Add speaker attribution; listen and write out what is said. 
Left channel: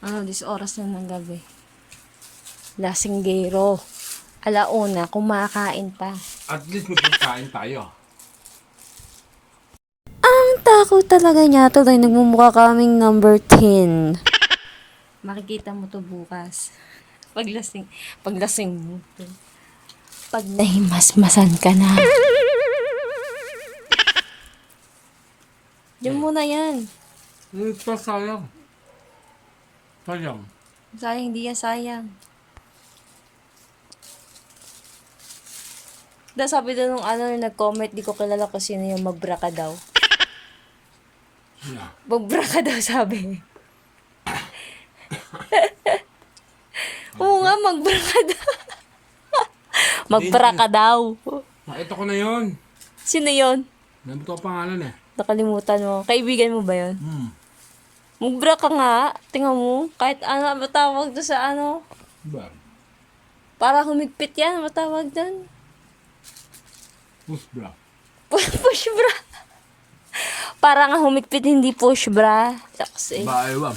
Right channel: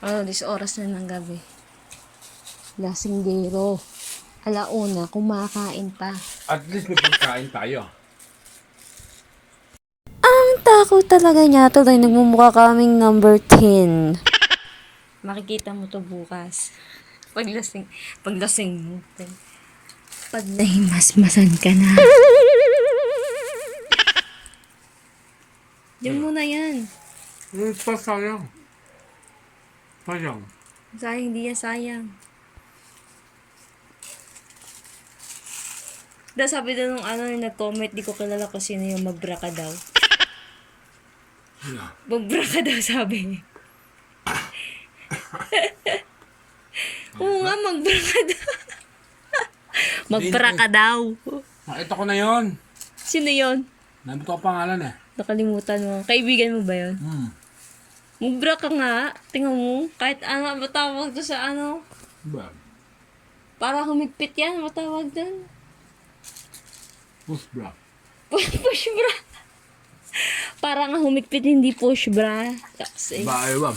Speaker 1: Ano, 10 oras na ng gabi. Lasinggero. Alauna, kumakain pa.
Speaker 2: At least may pagkain tayo.
Speaker 1: Ang takot talaga niya. Tuloy, nagmumukha kaming number 10. Makikita mo to bukas. Paglasing, paglasing mo. Pag nahimasmasan ka na. Diyan muna yan.
Speaker 2: Hmm, pa sayang. Sayang.
Speaker 1: Sayang, hindi yan sayang. Da sabi doon nung ano, yung nag-comment, di ko kilala kung sino yung magbra ka daw.
Speaker 2: Yeah.
Speaker 1: Magbra ka daw, sabi. Oo nga, magbra ka daw. magbra ka daw.
Speaker 2: Nakita ko na yon.
Speaker 1: Sino yon?
Speaker 2: Nandito ko pangalan eh.
Speaker 1: Nakalimutan mo. Kaibigan mo ba yon?
Speaker 2: Hmm.
Speaker 1: Magbra ka nga. Tingnan mo. Kahit ano, matawag doon sa ano.
Speaker 2: Ba?
Speaker 1: Para humigpit yan, matawag doon.
Speaker 2: Push bra.
Speaker 1: push bra. Para nga humigpit, hindi push bra. Taksi.
Speaker 2: Ba, ewan.